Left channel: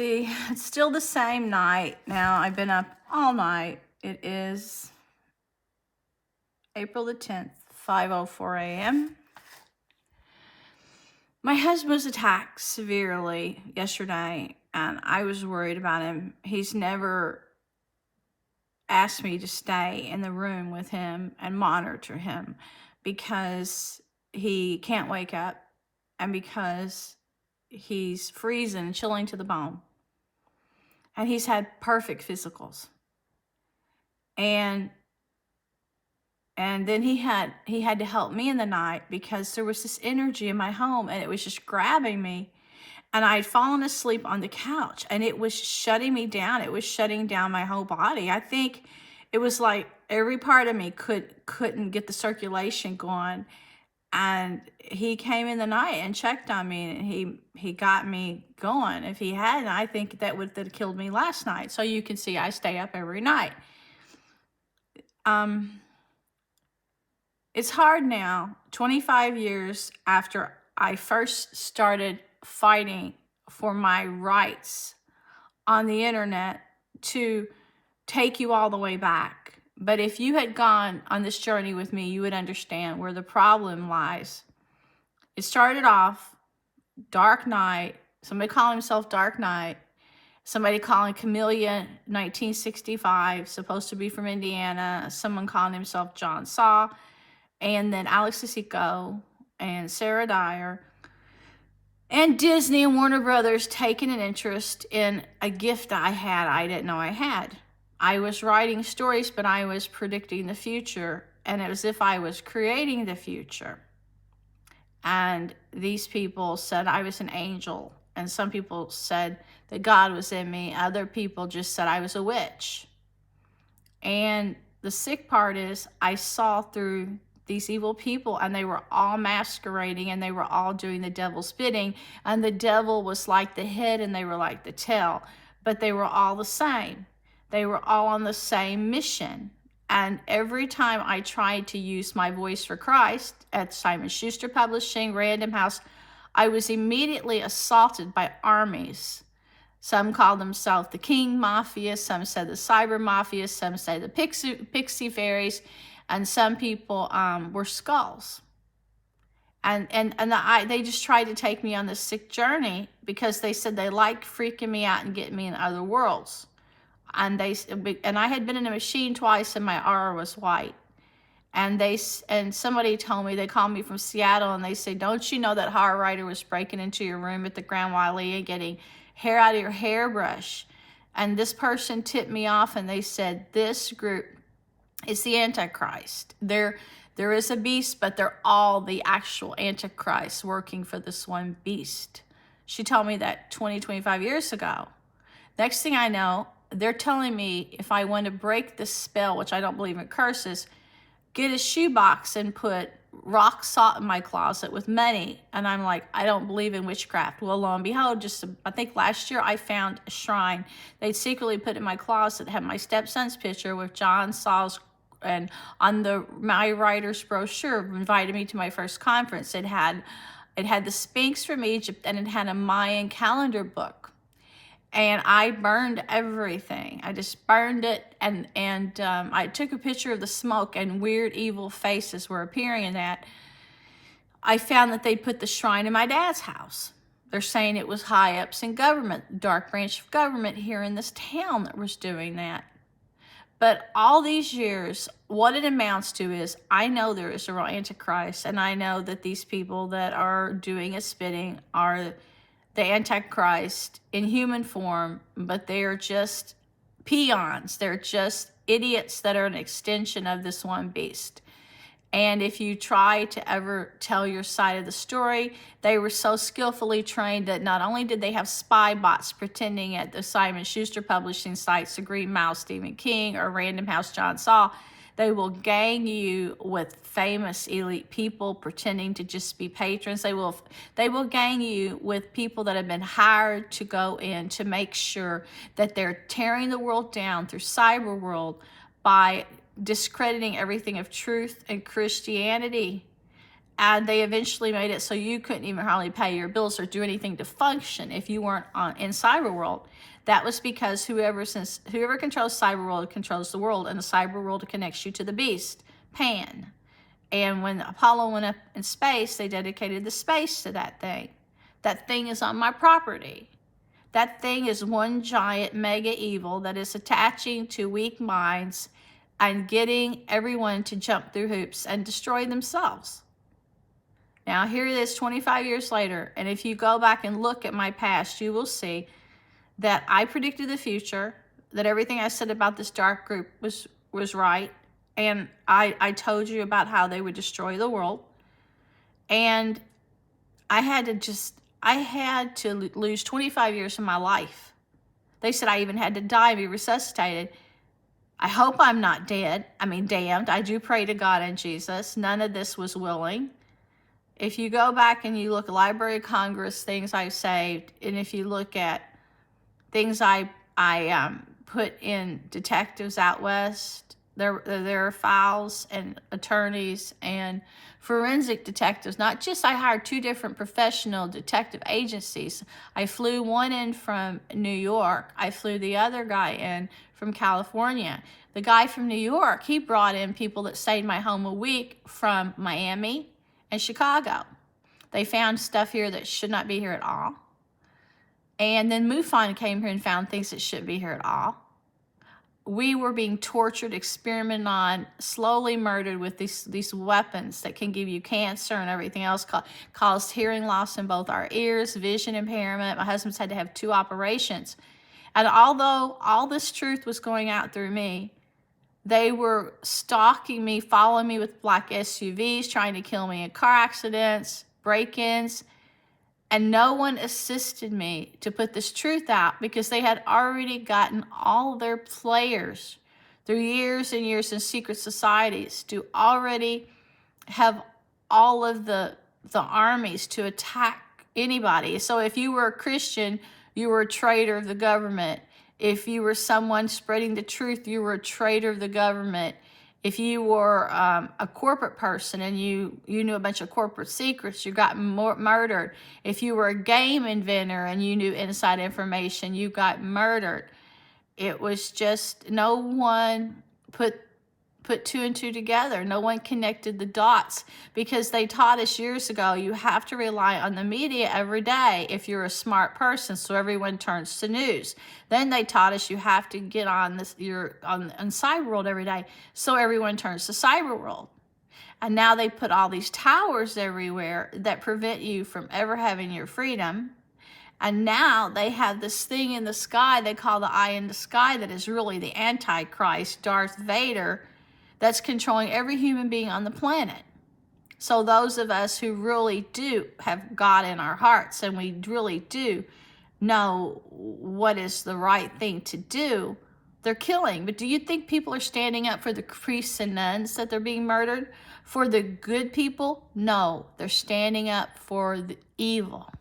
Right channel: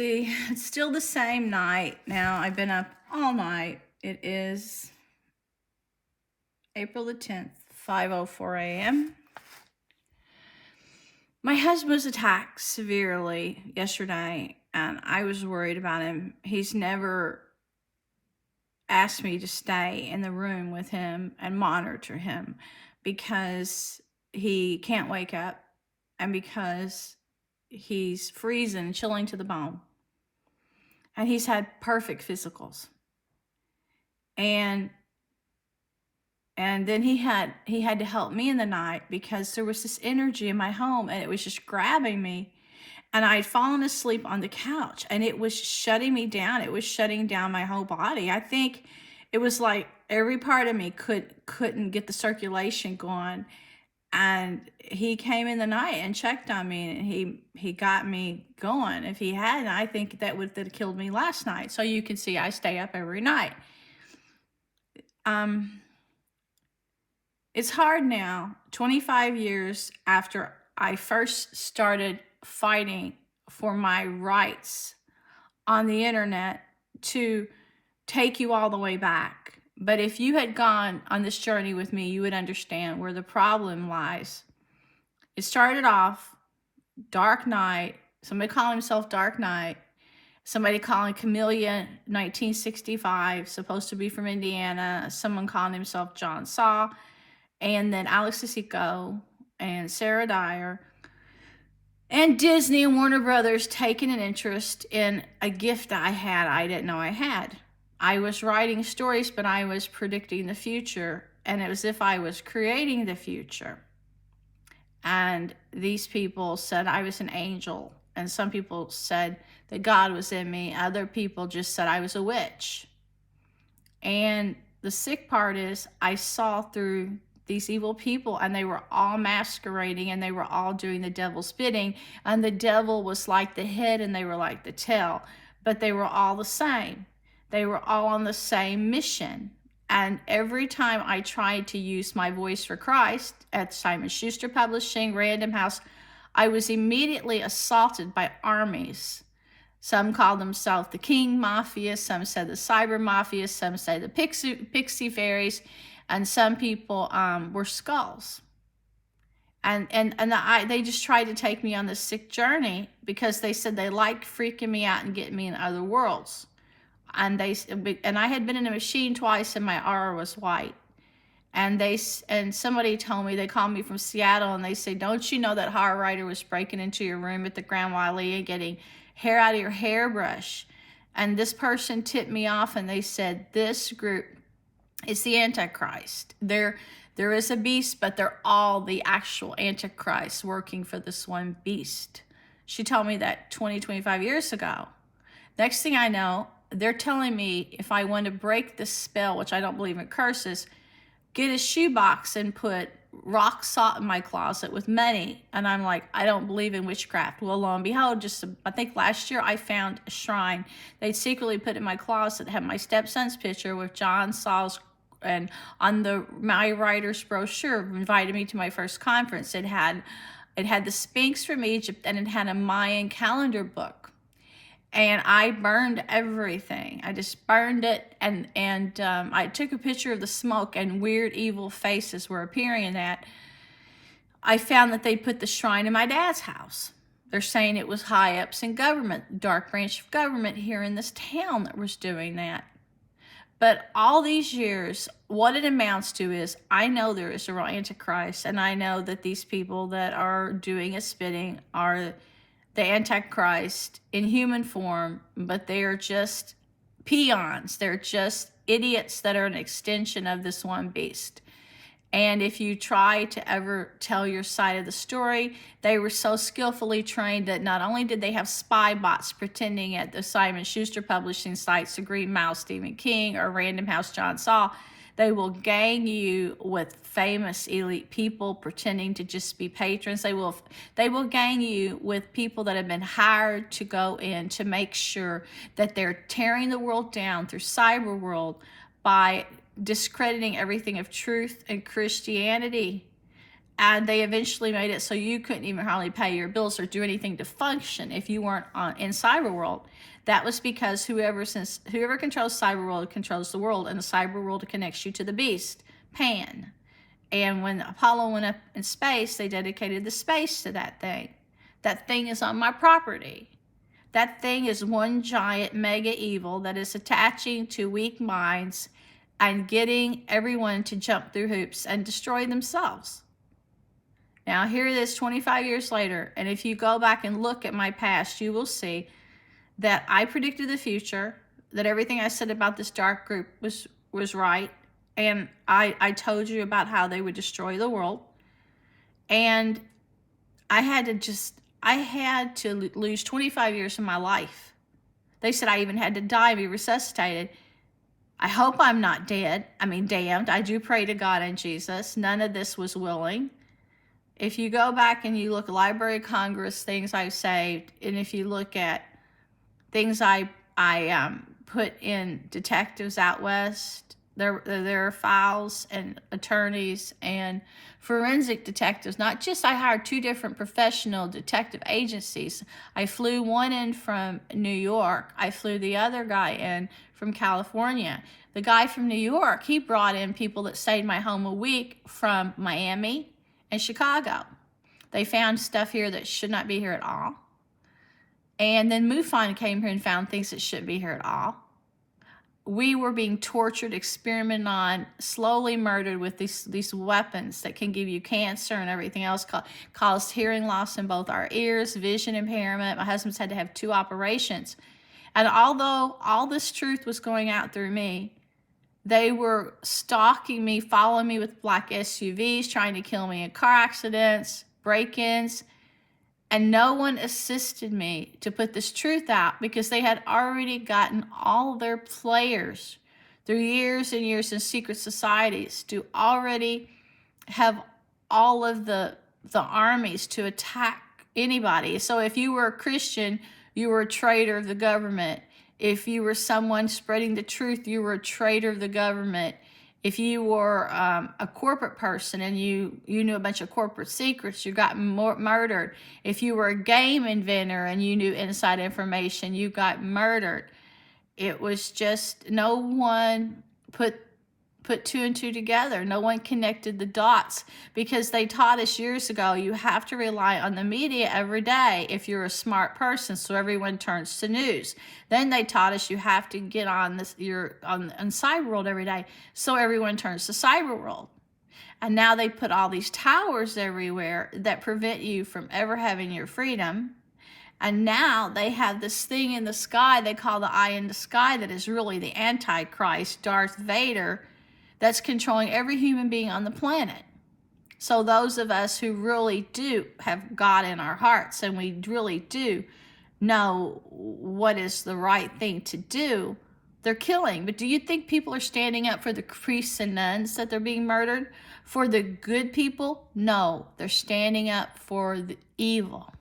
See, it's still the same night now. I've been up all night. It is April the 10th, 5:04 a.m. My husband was attacked severely yesterday, and I was worried about him. He's never asked me to stay in the room with him and monitor him because he can't wake up and because he's freezing and chilling to the bone. And he's had perfect physicals. And then he had to help me in the night because there was this energy in my home and it was just grabbing me. And I'd fallen asleep on the couch and it was shutting me down. It was shutting down my whole body. I think it was like every part of me couldn't get the circulation going. And he came in the night and checked on me and he got me going. If he hadn't, I think that would have killed me last night. So you can see I stay up every night. It's hard now, 25 years after I first started fighting for my rights on the internet, to take you all the way back. But if you had gone on this journey with me, you would understand where the problem lies. It started off Dark Knight, somebody calling himself Dark Knight, somebody calling Camellia 1965, supposed to be from Indiana, someone calling himself John Saw, and then Alex Sissoko and Sarah Dyer, and Disney and Warner Brothers taking an interest in a gift I had I didn't know I had. I was writing stories, but I was predicting the future, and it was as if I was creating the future. And these people said I was an angel, and some people said that God was in me. Other people just said I was a witch. And the sick part is I saw through these evil people, and they were all masquerading, and they were all doing the devil's bidding, and the devil was like the head and they were like the tail, but they were all the same. They were all on the same mission. And every time I tried to use my voice for Christ at Simon Schuster Publishing, Random House, I was immediately assaulted by armies. Some called themselves the King Mafia, some said the Cyber Mafia, some say the Pixie Fairies, and some people were skulls. And they just tried to take me on this sick journey because they said they liked freaking me out and getting me in other worlds. And I had been in a machine twice, and my aura was white. And somebody told me, they called me from Seattle, and they said, "Don't you know that horror writer was breaking into your room at the Grand Wale and getting hair out of your hairbrush?" And this person tipped me off, and they said, "This group is the Antichrist. There is a beast, but they're all the actual Antichrist working for this one beast." She told me that 25 years ago. Next thing I know, they're telling me if I want to break this spell, which I don't believe in curses, get a shoebox and put rock salt in my closet with money. And I'm like, I don't believe in witchcraft. Well, lo and behold, I think last year I found a shrine they'd secretly put in my closet that had my stepson's picture with John Saw's, and on my writer's brochure invited me to my first conference. It had the Sphinx from Egypt, and it had a Mayan calendar book. And I burned everything. I just burned it, and I took a picture of the smoke, and weird evil faces were appearing in that. I found that they put the shrine in my dad's house. They're saying it was high ups in government, dark branch of government here in this town that was doing that. But all these years, what it amounts to is I know there is a real Antichrist, and I know that these people that are doing a spitting are the Antichrist in human form, but they are just peons. They're just idiots that are an extension of this one beast. And if you try to ever tell your side of the story, they were so skillfully trained that not only did they have spy bots pretending at the Simon Schuster Publishing sites, the Green Mouse Stephen King, or Random House John Saw, they will gang you with famous elite people pretending to just be patrons. They will gang you with people that have been hired to go in to make sure that they're tearing the world down through cyber world by discrediting everything of truth and Christianity. And they eventually made it so you couldn't even hardly pay your bills or do anything to function if you weren't in cyber world. That was because whoever controls cyber world controls the world, and the cyber world connects you to the beast, Pan. And when Apollo went up in space, they dedicated the space to that thing. That thing is on my property. That thing is one giant mega evil that is attaching to weak minds and getting everyone to jump through hoops and destroy themselves. Now, here it is 25 years later, and if you go back and look at my past, you will see that I predicted the future, that everything I said about this dark group was right, and I told you about how they would destroy the world, and I had to lose 25 years of my life. They said I even had to die, be resuscitated. I hope I'm not damned. I do pray to God and Jesus. None of this was willing. If you go back and you look at Library of Congress, things I've saved, and if you look at things I put in detectives out west, there are files and attorneys and forensic detectives. Not just, I hired 2 different professional detective agencies. I flew one in from New York. I flew the other guy in from California. The guy from New York, he brought in people that stayed in my home a week from Miami and Chicago. They found stuff here that should not be here at all. And then MUFON came here and found things that shouldn't be here at all. We were being tortured, experimented on, slowly murdered with these weapons that can give you cancer and everything else, caused hearing loss in both our ears, vision impairment. My husband's had to have 2 operations. And although all this truth was going out through me, they were stalking me, following me with black SUVs, trying to kill me in car accidents, break-ins, and no one assisted me to put this truth out because they had already gotten all their players through years and years in secret societies to already have all of the armies to attack anybody. So if you were a Christian, you were a traitor of the government. If you were someone spreading the truth, you were a traitor of the government. If you were a corporate person and you knew a bunch of corporate secrets, you got murdered. If you were a game inventor and you knew inside information, you got murdered. It was just, no one put 2 and 2 together. No one connected the dots because they taught us years ago, you have to rely on the media every day if you're a smart person, so everyone turns to news. Then they taught us you have to get on Cyber World every day, so everyone turns to Cyber World. And now they put all these towers everywhere that prevent you from ever having your freedom. And now they have this thing in the sky they call the eye in the sky that is really the Antichrist, Darth Vader, that's controlling every human being on the planet. So those of us who really do have God in our hearts and we really do know what is the right thing to do, they're killing. But do you think people are standing up for the priests and nuns that they're being murdered? For the good people? No, they're standing up for the evil.